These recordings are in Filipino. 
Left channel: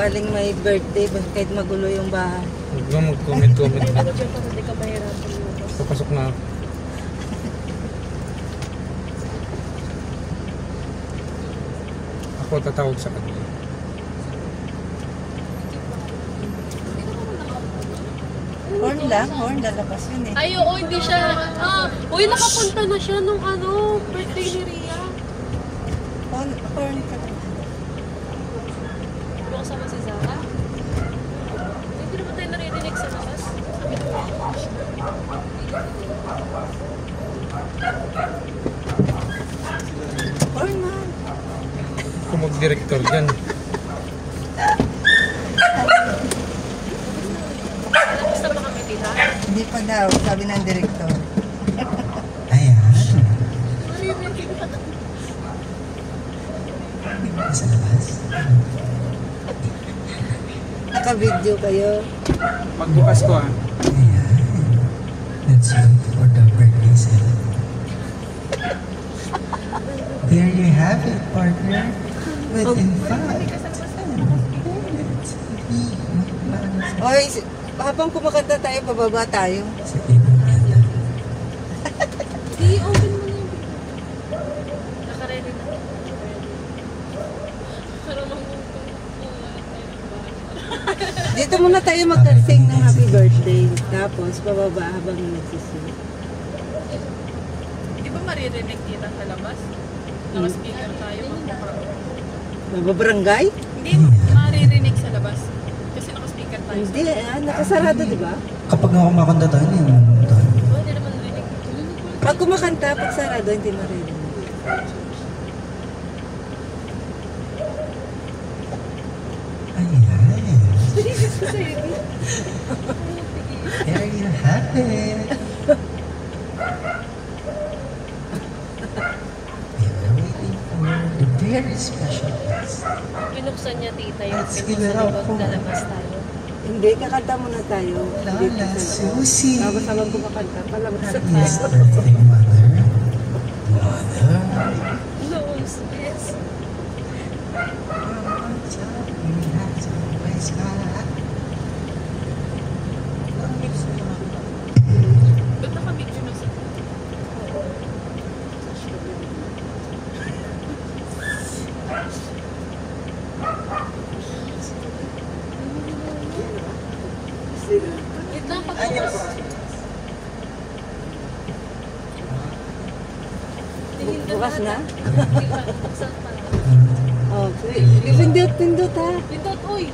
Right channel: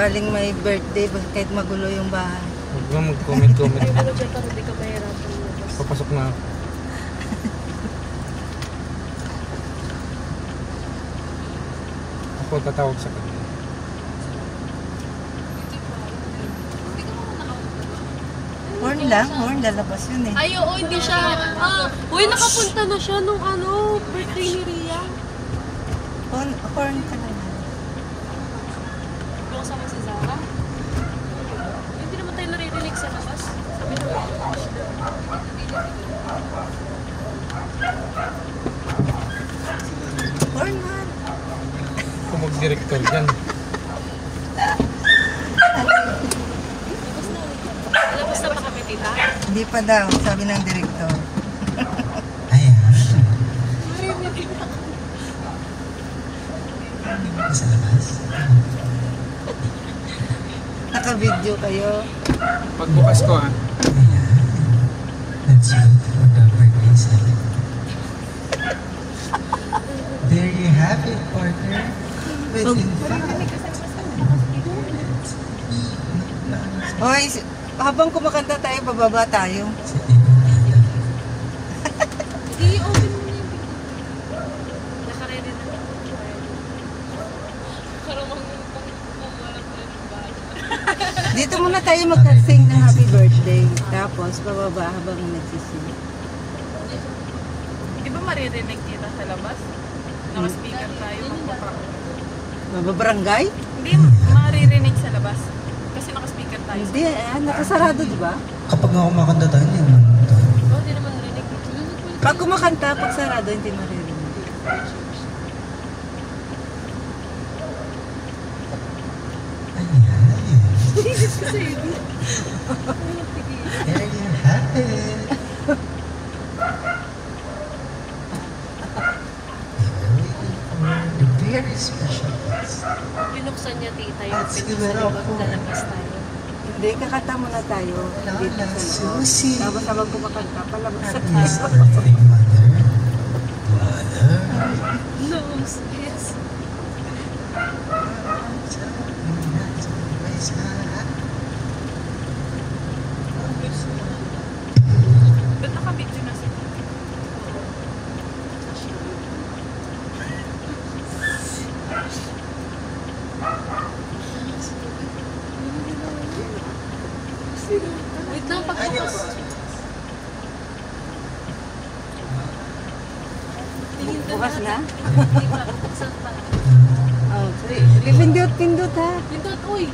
sakaling may birthday, kahit magulo yung bahay. Huwag nga mag-comment. Ano dyan kasi hindi ka mahirapan lumabas. Papasok na ako. Ako tatawag sa kanila. Horn lang, lalabas yun eh. Ay, oo, hindi siya. Uy, nakapunta na siya nung birthday ni Ria. Horn ka naman. Hindi ako sama si Zara. Hindi naman tayo naririnig sa labas. Kami naman. Horn na. Kung mag-director dyan. Labas na ba kami dito? Hindi pa daw, sabi ng direktor. Ayan. Sa labas. Naka-video kayo. Pagbukas ko ha. Ayan. Let's wait for the birthday celebration. There you have it, partner. But in fact, Hoy, habang kumakanta tayo, bababa tayo. sa table natin. Hindi, open mo na yung video. Naka-ready na. Karamang kumalat tayo ng bahay. Dito muna tayo mag-sing ng happy birthday. Tapos, bababa habang nagsising. Di ba maririnig kita sa labas? Naka-speaker tayo, magpaprang. Mababarangay? Hindi, maririnig sa labas. Kasi naka-speaker tayo. Hindi, nakasarado, di ba? Kapag nga kumakanta tayo, hindi naman tayo. Oo, hindi naman narinig. Pag kumakanta, pag sarado, hindi maririnig. Ayan. There you have it. A very special guest. Binuksan niya tita yung Let's pinto give sa it up likod for- na labas tayo. Hindi, kakanta muna tayo. Lola Dito sa- Susie. Tapos habang kumakanta, palabas sa Happiest tayo. birthday, mother. Mother. No, yes. Ba't naka-video na si Titi? Wait lang, pagbukas. Tingin ka Bukas na? Hindi pa, buksan pa. Oh, pindot ha. Pindot, uy!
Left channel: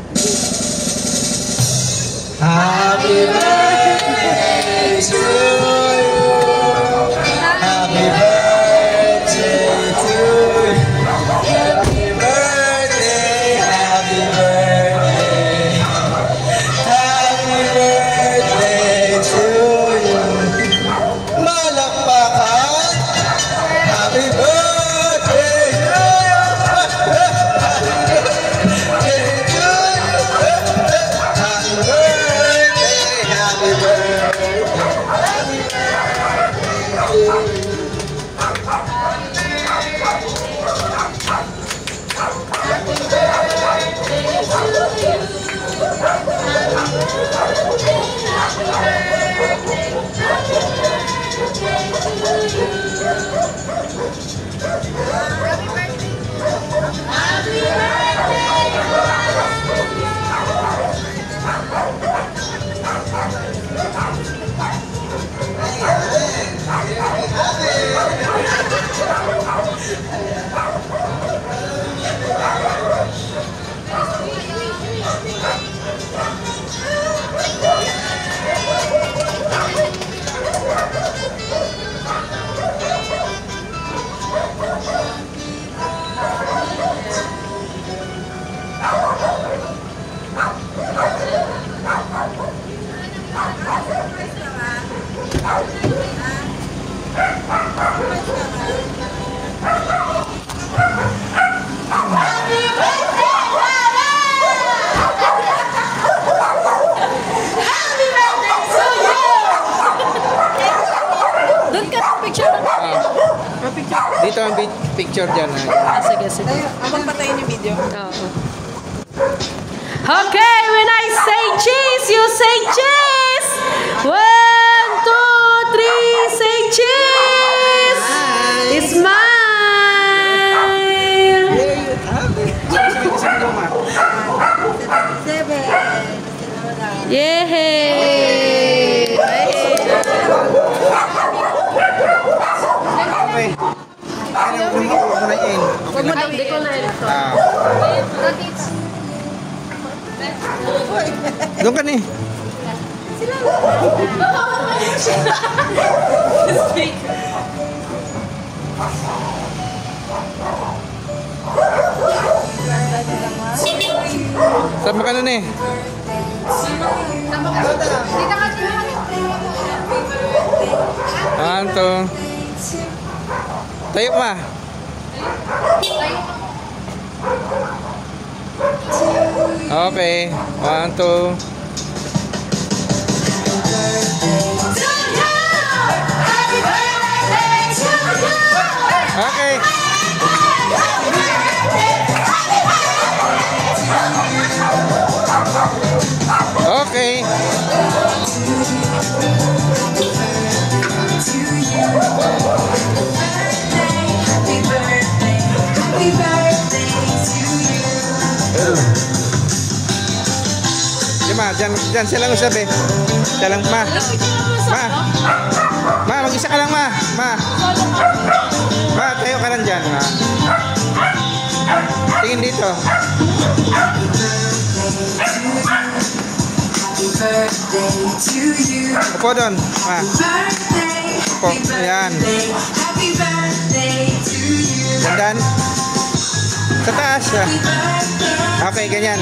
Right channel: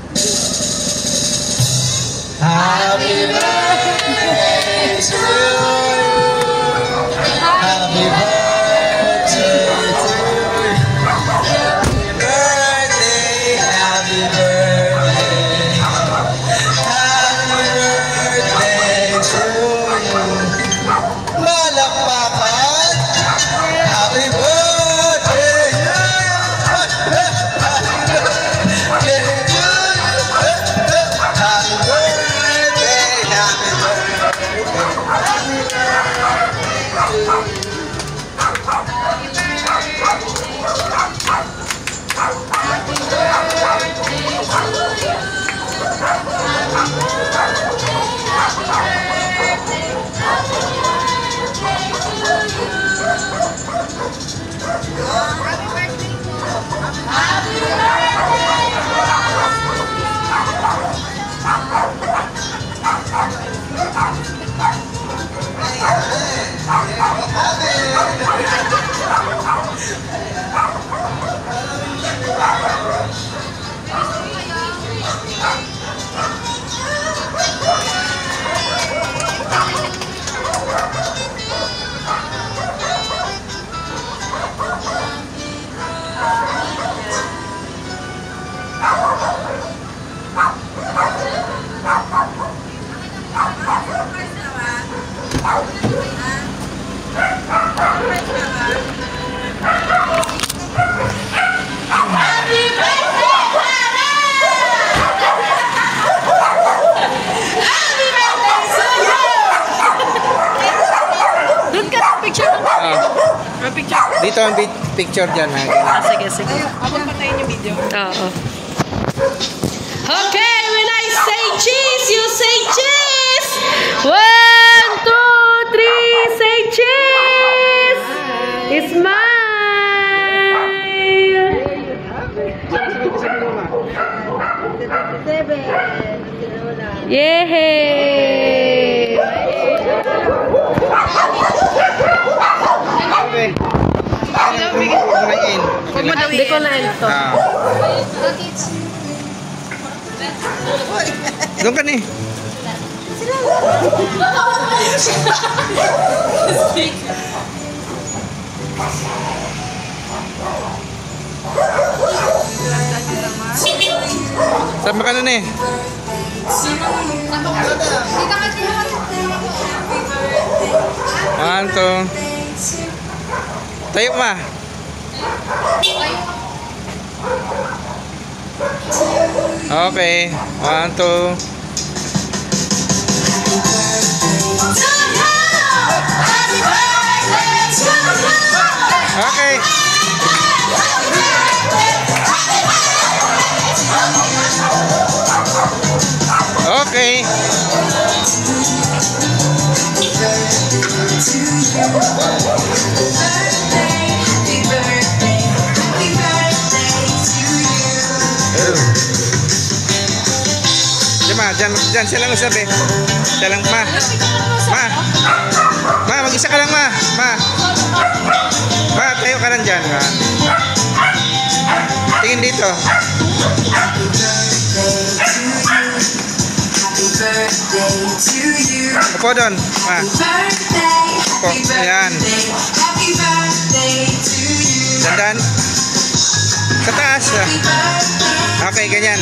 Happy birthday to you. Happy birthday to you. Happy birthday, happy birthday. Happy birthday to you. Malakpakan. Happy birthday to you. Happy birthday to you. Happy birthday, happy birthday. Dito ang picture dyan ha. Sige. Ayun, patayin yung video. Oo. Okay, when I say cheese, you say cheese. 1, 2, 3, say cheese. Smile. Yay! Okay. Huwag mo daw i-end. Doon ka ni. Sama ka na ni. One, two. Tayo ma. Okay. 1, 2. Okay. Okay. Diyan siya lang usap eh. Siya lang, ma. Ma, mag-isa ka lang, ma. Ma, tayo ka lang dyan, ma. Tingin dito. Upo doon, ma. Upo, ayan. Dandan. Sa taas. Okay, ganyan.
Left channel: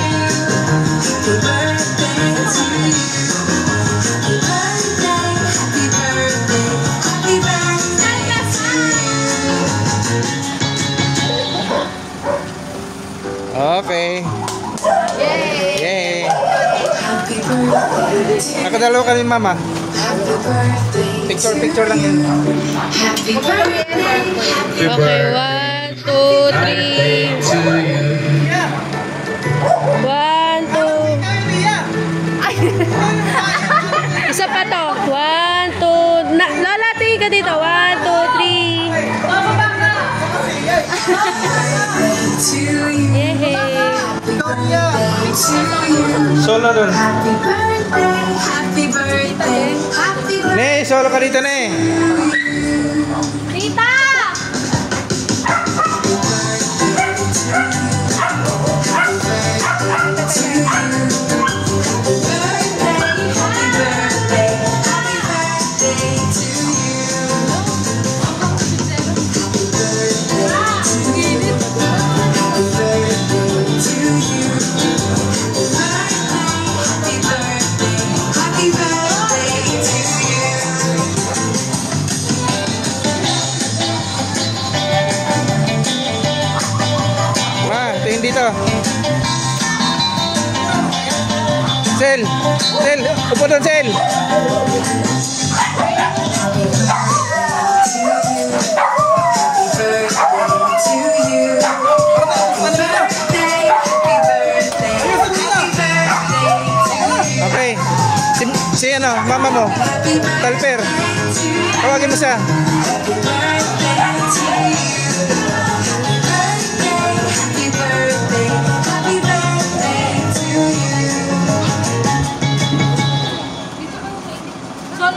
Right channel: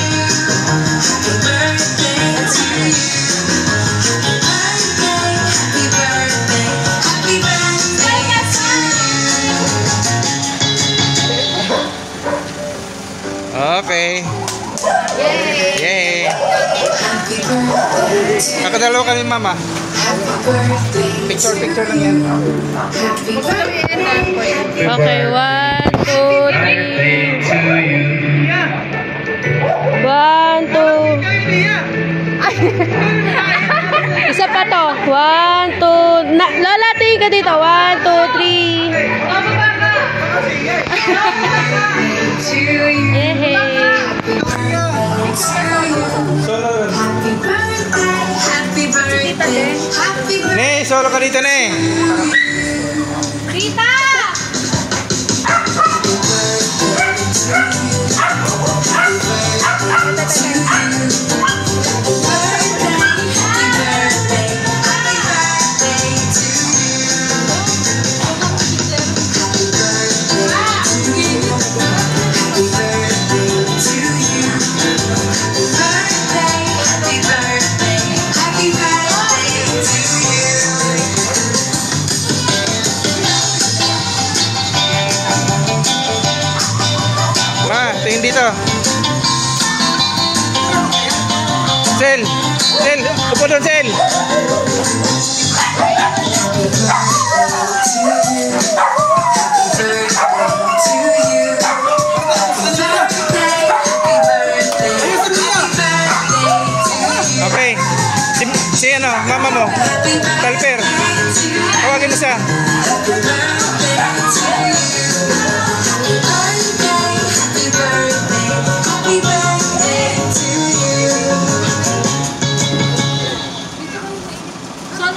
Okay. Yay! Nakadalawa kami, mama. Picture lang yan. Okay, 1, 2, 3. 1, 2. Isa pa to. 1, 2. Lola, tingin ka dito. 1, 2, 3. Yehey. Solo dun. Ne, solo ka dito, ne. Rita! Ma, tingin dito. Sel, upo doon, Sel. Okay. Si ano, mama mo. Talper. Tawagin mo siya.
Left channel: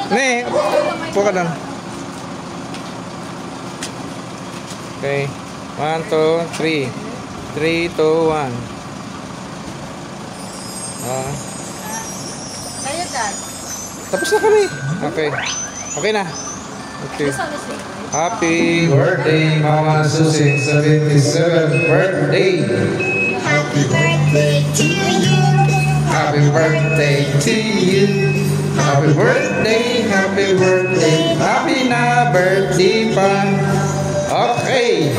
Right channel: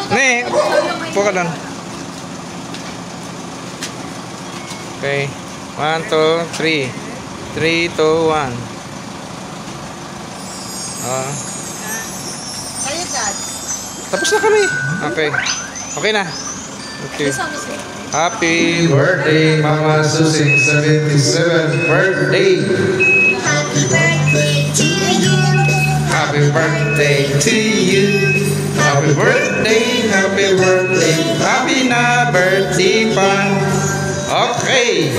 Ne, upo ka doon. Okay. 1, 2, 3. 3, 2, 1. Kayo, Dad. Tapos na kami. Okay. Okay na. Okay. Happy birthday, Mama Susie. 77th birthday. Happy birthday to you. Happy birthday to you. Happy birthday, happy birthday. Happy na birthday pa. Okay.